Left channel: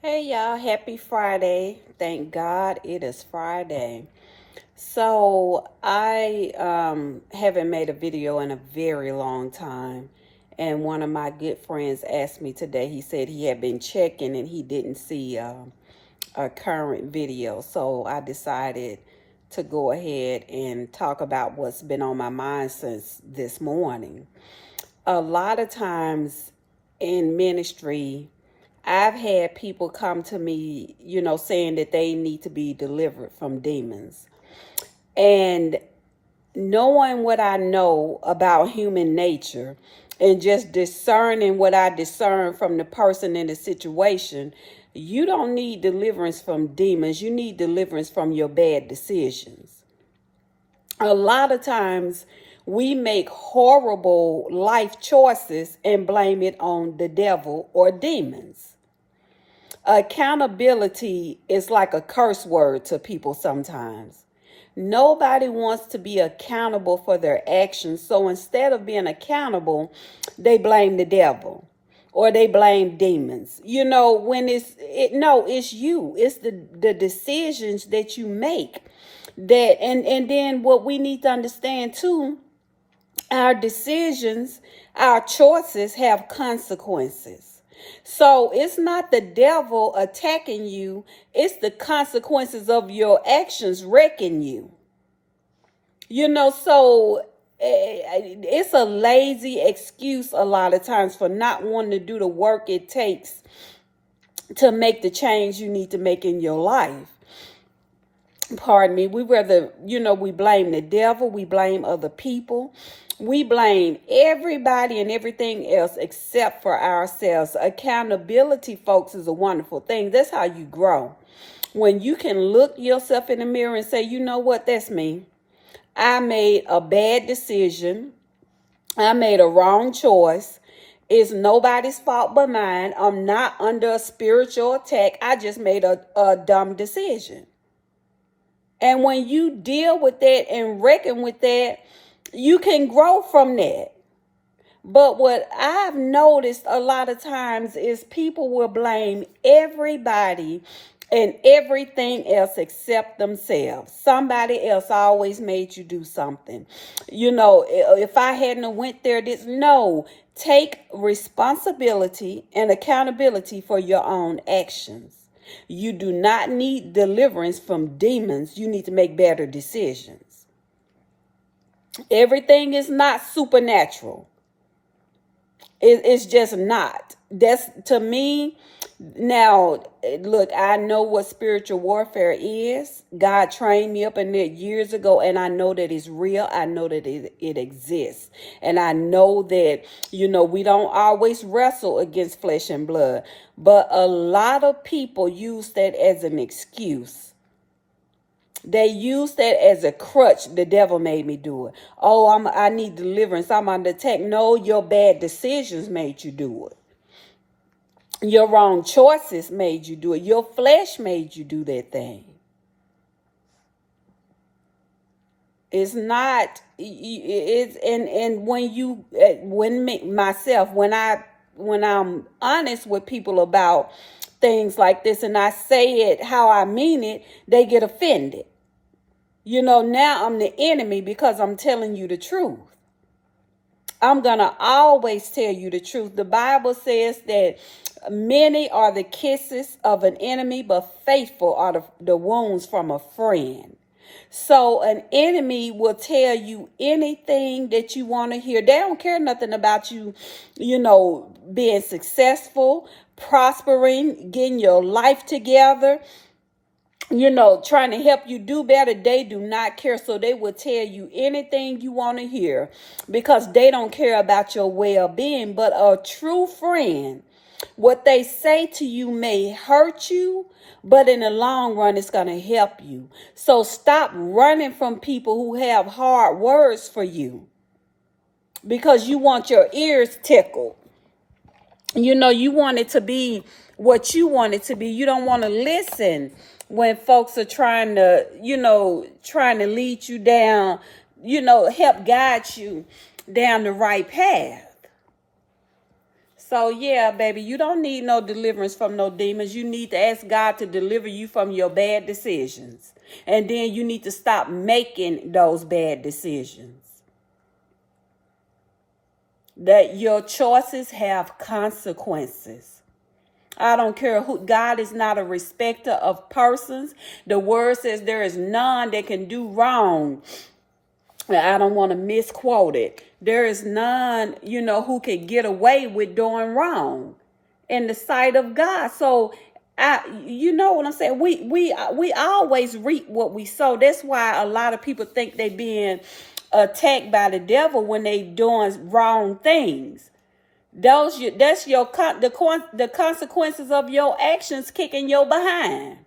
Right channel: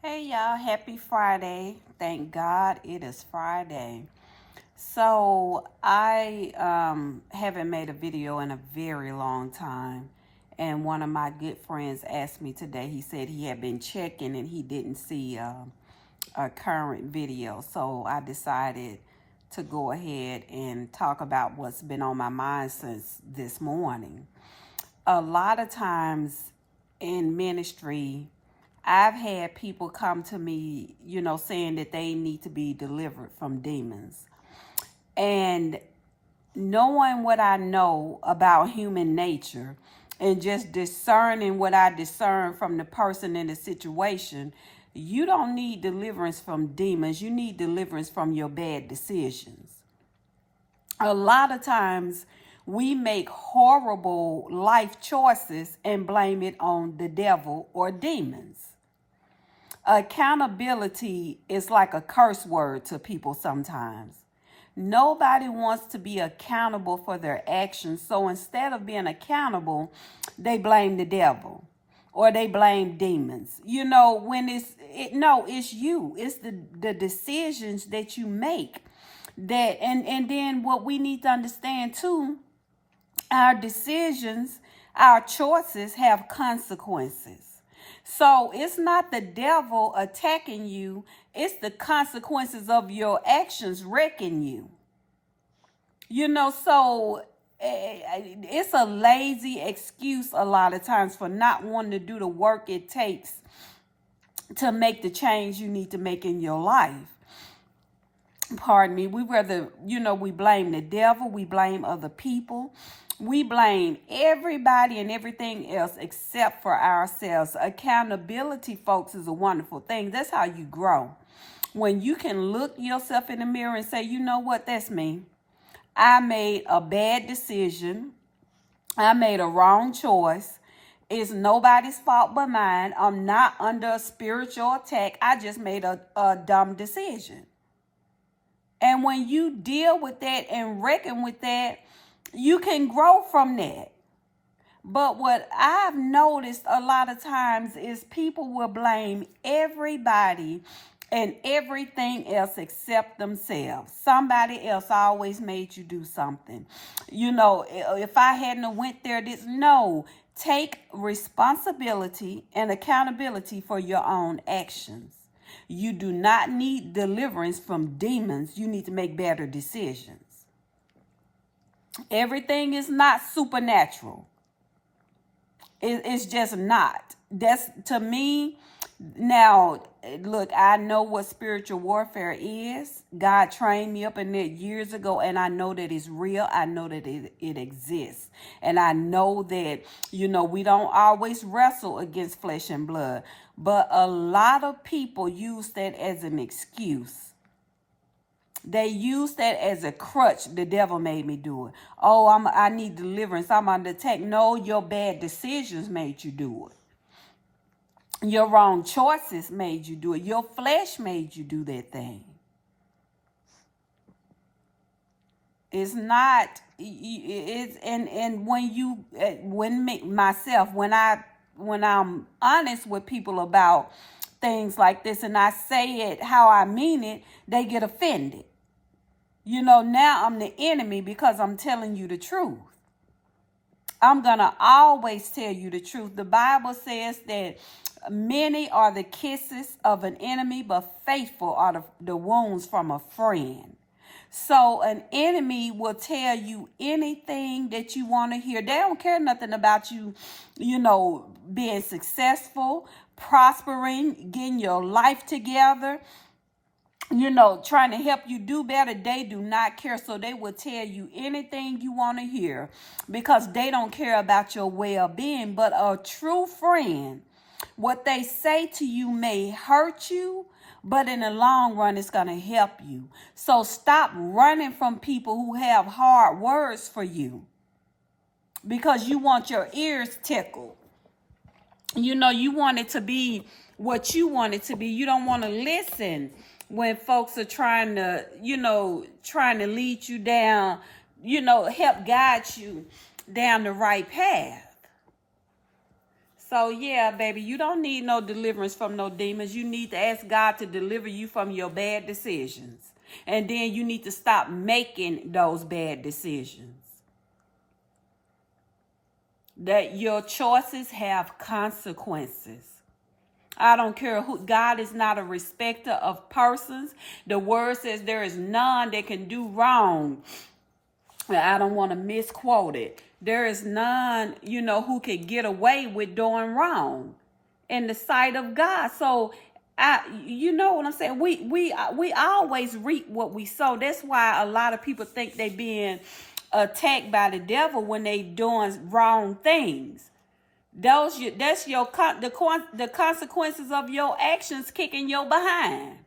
Hey y'all, happy Friday. Thank God it is Friday. So I haven't made a video in a very long time. And one of my good friends asked me today, he said he had been checking and he didn't see a current video. So I decided to go ahead and talk about what's been on my mind since this morning. A lot of times in ministry, I've had people come to me, saying that they need to be delivered from demons. And knowing what I know about human nature and just discerning what I discern from the person in the situation, you don't need deliverance from demons. You need deliverance from your bad decisions. A lot of times we make horrible life choices and blame it on the devil or demons. Accountability is like a curse word to people sometimes. Nobody wants to be accountable for their actions. So instead of being accountable, they blame the devil or they blame demons. When it's you. It's the decisions that you make. And then what we need to understand too, our decisions, our choices have consequences. So it's not the devil attacking you, it's the consequences of your actions wrecking you. So it's a lazy excuse a lot of times for not wanting to do the work it takes to make the change you need to make in your life. Pardon me. We blame the devil, we blame other people. We blame everybody and everything else except for ourselves. Accountability, folks, is a wonderful thing. That's how you grow. When you can look yourself in the mirror and say, you know what, that's me. I made a bad decision. I made a wrong choice. It's nobody's fault but mine. I'm not under a spiritual attack. I just made a dumb decision. And when you deal with that and reckon with that, you can grow from that. But what I've noticed a lot of times is people will blame everybody and everything else except themselves. Somebody else always made you do something. If I hadn't went there, no. Take responsibility and accountability for your own actions. You do not need deliverance from demons. You need to make better decisions. Everything is not supernatural. It's just not. That's, to me, now, look, I know what spiritual warfare is. God trained me up in it years ago, and I know that it's real. I know that it exists. And I know that, we don't always wrestle against flesh and blood. But a lot of people use that as an excuse. They use that as a crutch. The devil made me do it. Oh, I need deliverance. I'm under attack. No, your bad decisions made you do it. Your wrong choices made you do it. Your flesh made you do that thing. It's not. It's and when I'm honest with people about things like this and I say it how I mean it, they get offended. Now I'm the enemy because I'm telling you the truth. I'm going to always tell you the truth. The Bible says that many are the kisses of an enemy, but faithful are the wounds from a friend. So an enemy will tell you anything that you want to hear. They don't care nothing about you, being successful, prospering, getting your life together, trying to help you do better. They do not care. So they will tell you anything you want to hear because they don't care about your well-being. But a true friend, what they say to you may hurt you, but in the long run, it's going to help you. So stop running from people who have hard words for you because you want your ears tickled. You want it to be what you want it to be. You don't want to listen when folks are trying to lead you down, help guide you down the right path. So yeah, baby, you don't need no deliverance from no demons. You need to ask God to deliver you from your bad decisions. And then you need to stop making those bad decisions. That your choices have consequences. I don't care who. God is not a respecter of persons. The word says there is none that can do wrong. I don't want to misquote it. There is none, who can get away with doing wrong in the sight of God. So you know what I'm saying? We always reap what we sow. That's why a lot of people think they being attacked by the devil when they doing wrong things. The consequences of your actions kicking your behind.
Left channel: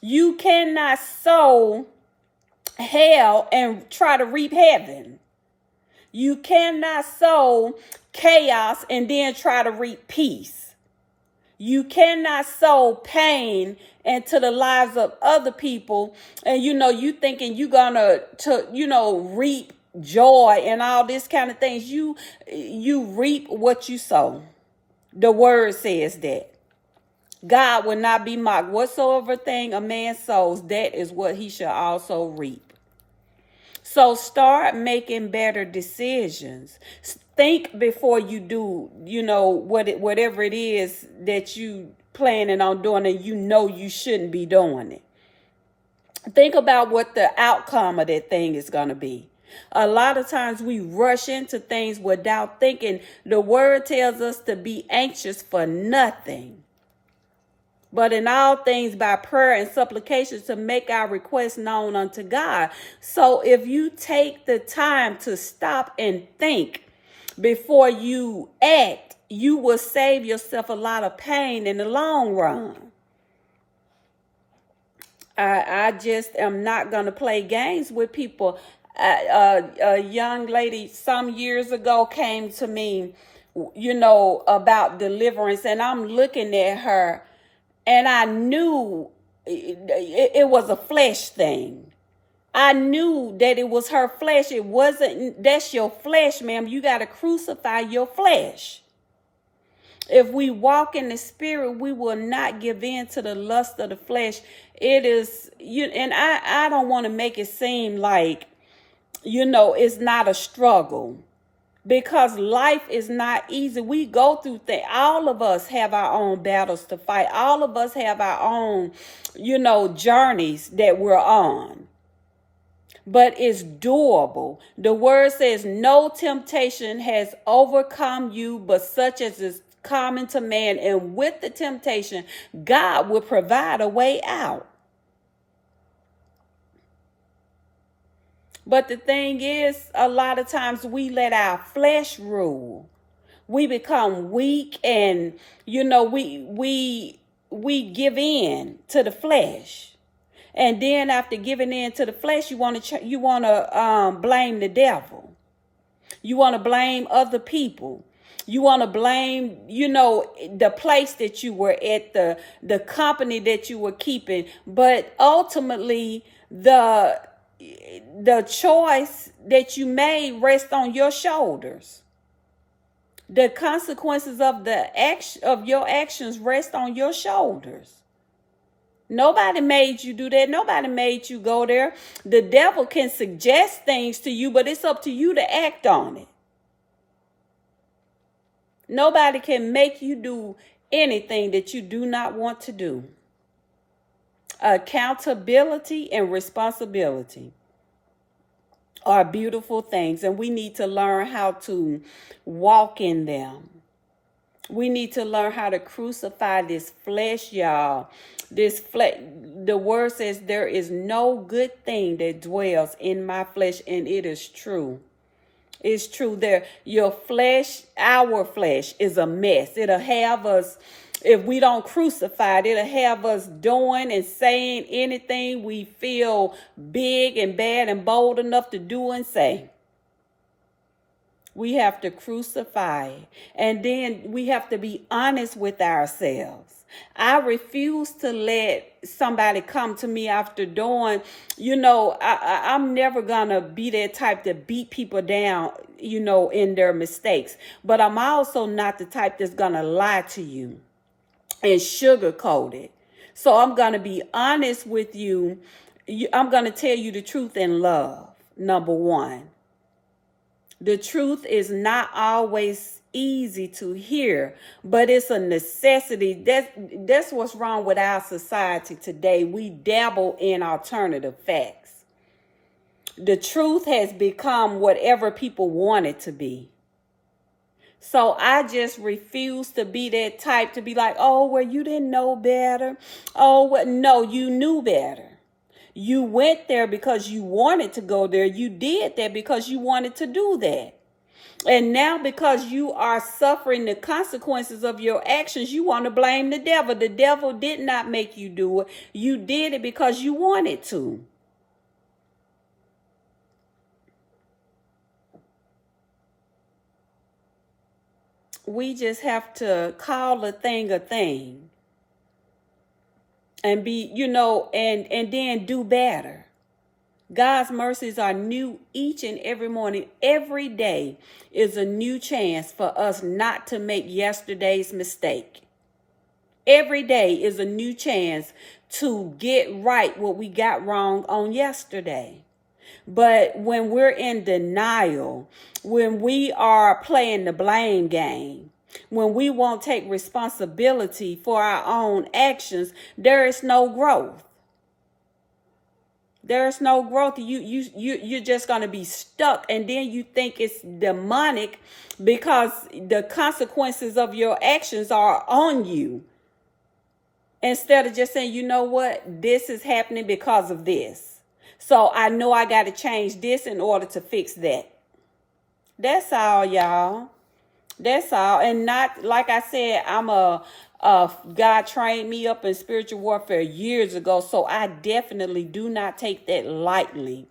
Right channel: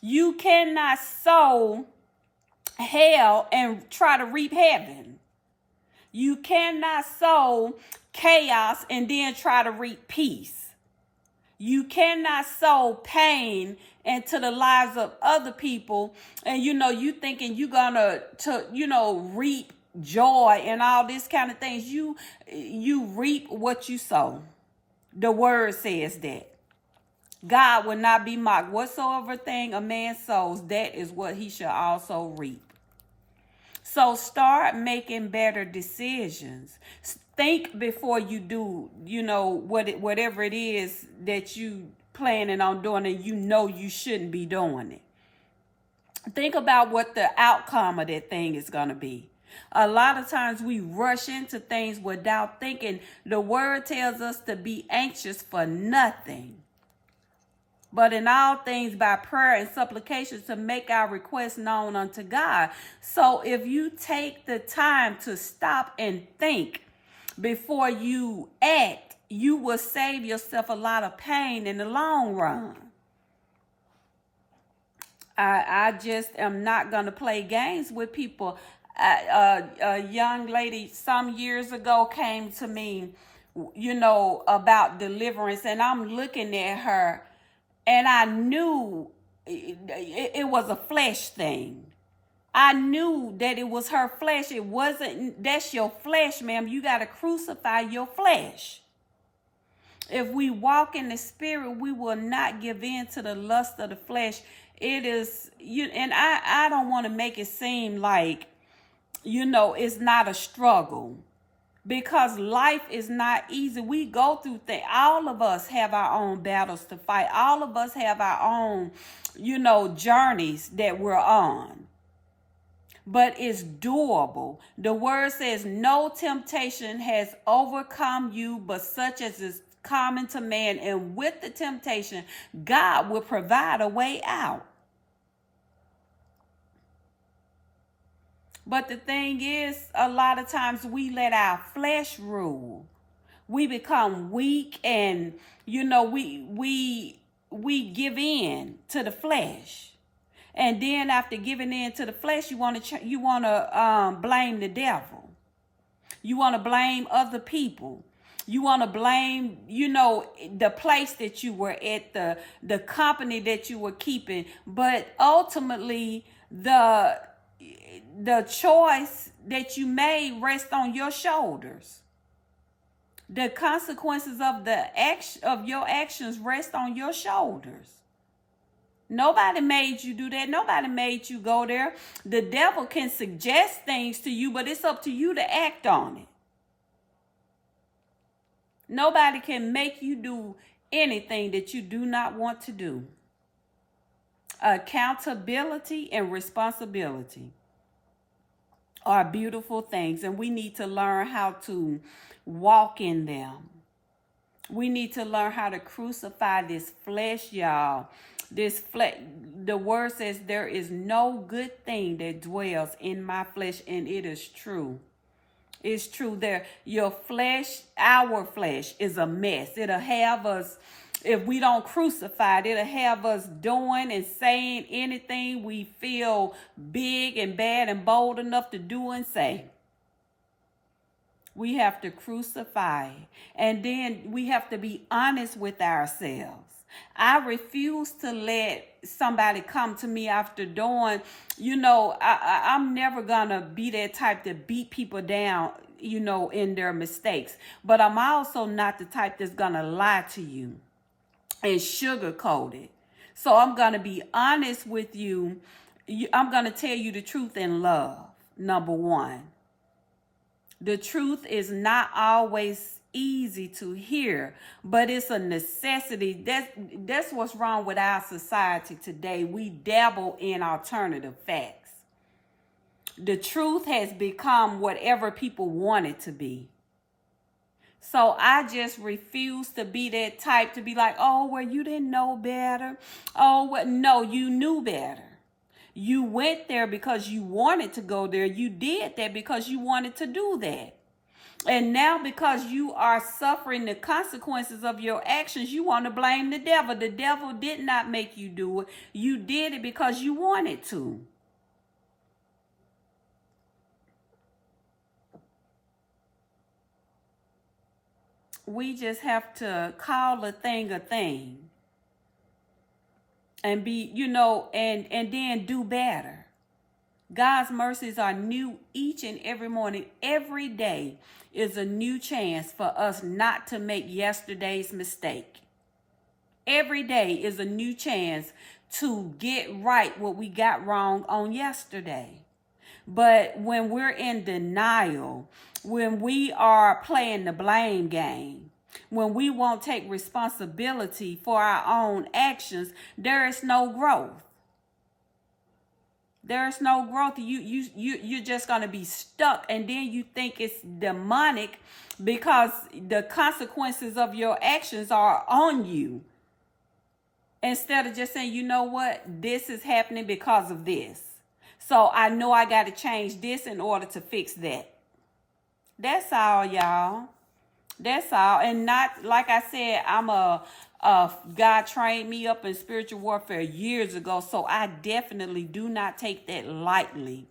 You cannot sow hell and try to reap heaven. You cannot sow chaos and then try to reap peace. You cannot sow pain into the lives of other people, and you thinking you gonna reap joy and all this kind of things. You reap what you sow. The word says that God will not be mocked. Whatsoever thing a man sows, that is what he shall also reap. So start making better decisions. Think before you do, whatever it is that you planning on doing and you shouldn't be doing it. Think about what the outcome of that thing is going to be. A lot of times we rush into things without thinking. The word tells us to be anxious for nothing, but in all things by prayer and supplication to make our requests known unto God. So if you take the time to stop and think before you act, you will save yourself a lot of pain in the long run. I just am not going to play games with people. A young lady some years ago came to me, about deliverance, and I'm looking at her, and I knew it was a flesh thing. I knew that it was her flesh. It wasn't. That's your flesh, ma'am. You got to crucify your flesh. If we walk in the spirit, we will not give in to the lust of the flesh. It is, and I don't want to make it seem like, it's not a struggle, because life is not easy. We go through things. All of us have our own battles to fight. All of us have our own, journeys that we're on. But it's doable. The word says no temptation has overcome you, but such as is common to man. And with the temptation, God will provide a way out. But the thing is, a lot of times we let our flesh rule. We become weak, and we give in to the flesh. And then after giving in to the flesh, you want to blame the devil. You want to blame other people. You want to blame, the place that you were at, the company that you were keeping. But ultimately, the choice that you made rests on your shoulders. The consequences of your actions rest on your shoulders. Nobody made you do that. Nobody made you go there. The devil can suggest things to you, but it's up to you to act on it. Nobody can make you do anything that you do not want to do. Accountability and responsibility are beautiful things, and we need to learn how to walk in them. We need to learn how to crucify this flesh, y'all. This flesh, the word says there is no good thing that dwells in my flesh, and it is true. It's true. Your flesh, our flesh, is a mess. It'll have us, if we don't crucify it, it'll have us doing and saying anything we feel big and bad and bold enough to do and say. We have to crucify it. And then we have to be honest with ourselves. I refuse to let somebody come to me after doing, I'm never going to be that type to beat people down, in their mistakes. But I'm also not the type that's going to lie to you and sugarcoat it. So I'm going to be honest with you. I'm going to tell you the truth in love, number one. The truth is not always easy to hear, but it's a necessity. That's what's wrong with our society today. We dabble in alternative facts. The truth has become whatever people want it to be. So I just refuse to be that type to be like, oh, well, you didn't know better. Oh, well, no, you knew better. You went there because you wanted to go there. You did that because you wanted to do that. And now because you are suffering the consequences of your actions, you want to blame the devil. The devil did not make you do it. You did it because you wanted to. We just have to call a thing and be, and then do better. God's mercies are new each and every morning. Every day is a new chance for us not to make yesterday's mistake. Every day is a new chance to get right what we got wrong on yesterday. But when we're in denial, when we are playing the blame game, when we won't take responsibility for our own actions, there is no growth. There's no growth. You're just going to be stuck. And then you think it's demonic because the consequences of your actions are on you. Instead of just saying, you know what, this is happening because of this. So I know I got to change this in order to fix that. That's all, y'all. That's all. And not, like I said, God trained me up in spiritual warfare years ago. So I definitely do not take that lightly.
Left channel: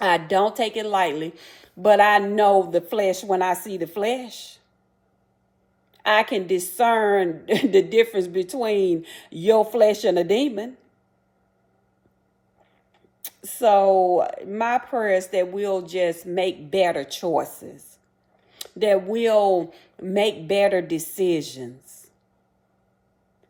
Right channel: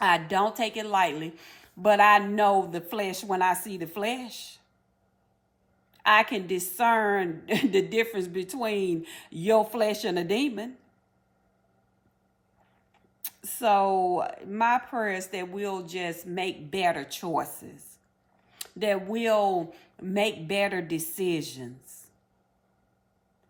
I don't take it lightly. But I know the flesh when I see the flesh. I can discern the difference between your flesh and a demon. So my prayer is that we'll just make better choices, that we'll make better decisions.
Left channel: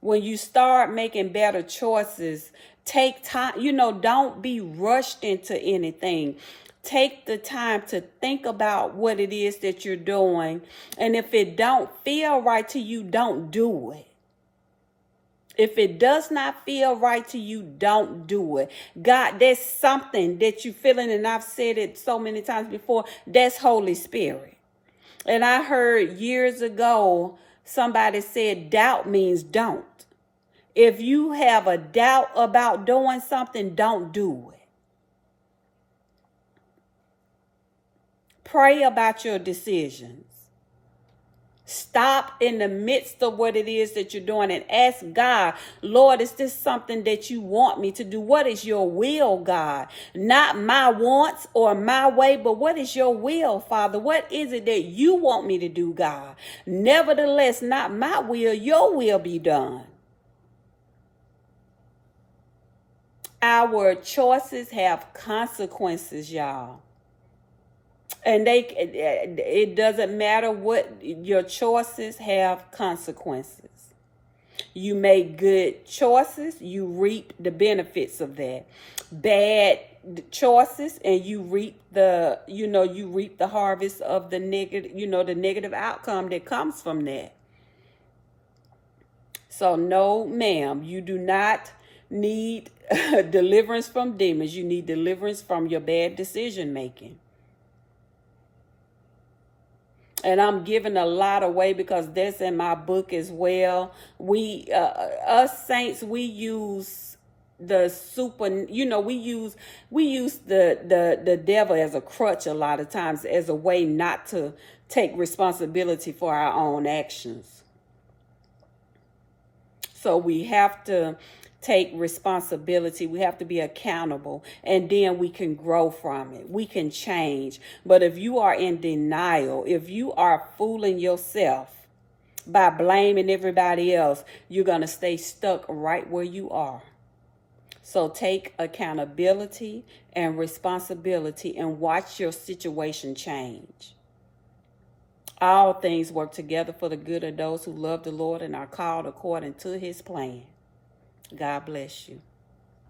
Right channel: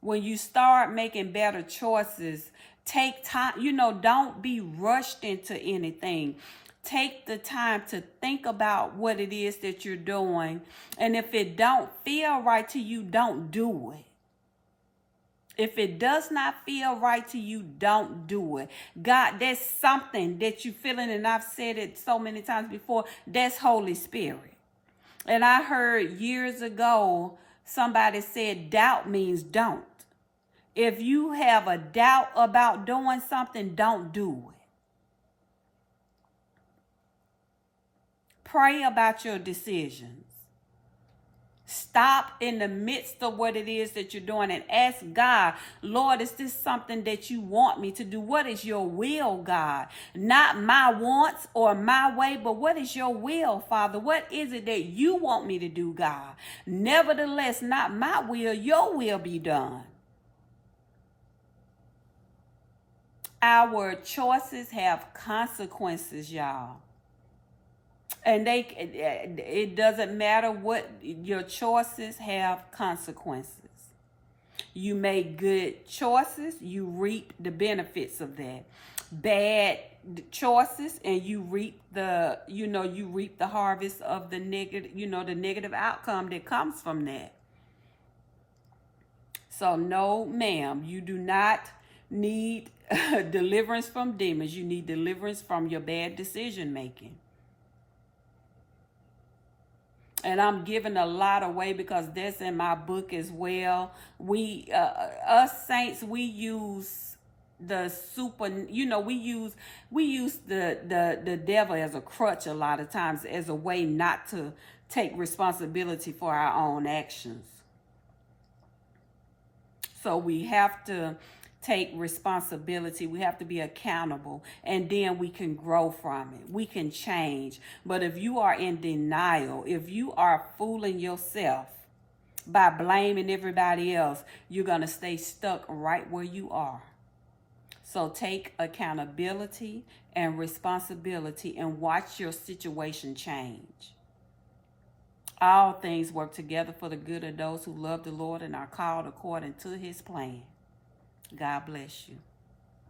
When you start making better choices, take time, don't be rushed into anything. Take the time to think about what it is that you're doing. And if it don't feel right to you, don't do it. If it does not feel right to you, don't do it. God, there's something that you're feeling, and I've said it so many times before, that's Holy Spirit. And I heard years ago, somebody said doubt means don't. If you have a doubt about doing something, don't do it. Pray about your decisions. Stop in the midst of what it is that you're doing and ask God, Lord, is this something that you want me to do? What is your will, God? Not my wants or my way, but what is your will, Father? What is it that you want me to do, God? Nevertheless, not my will, your will be done. Our choices have consequences, y'all. And it doesn't matter what your choices have consequences. You make good choices, you reap the benefits of that. Bad choices, and you reap the harvest of the negative, the negative outcome that comes from that. So no, ma'am, you do not need deliverance from demons. You need deliverance from your bad decision making. And I'm giving a lot away because that's in my book as well. We, us saints, we use the we use the devil as a crutch a lot of times, as a way not to take responsibility for our own actions. So we have to take responsibility. We have to be accountable, and then we can grow from it. We can change. But if you are in denial, if you are fooling yourself, by blaming everybody else, you're going to stay stuck right where you are. So take accountability and responsibility and watch your situation change. All things work together for the good of those who love the Lord and are called according to his plan. God bless you.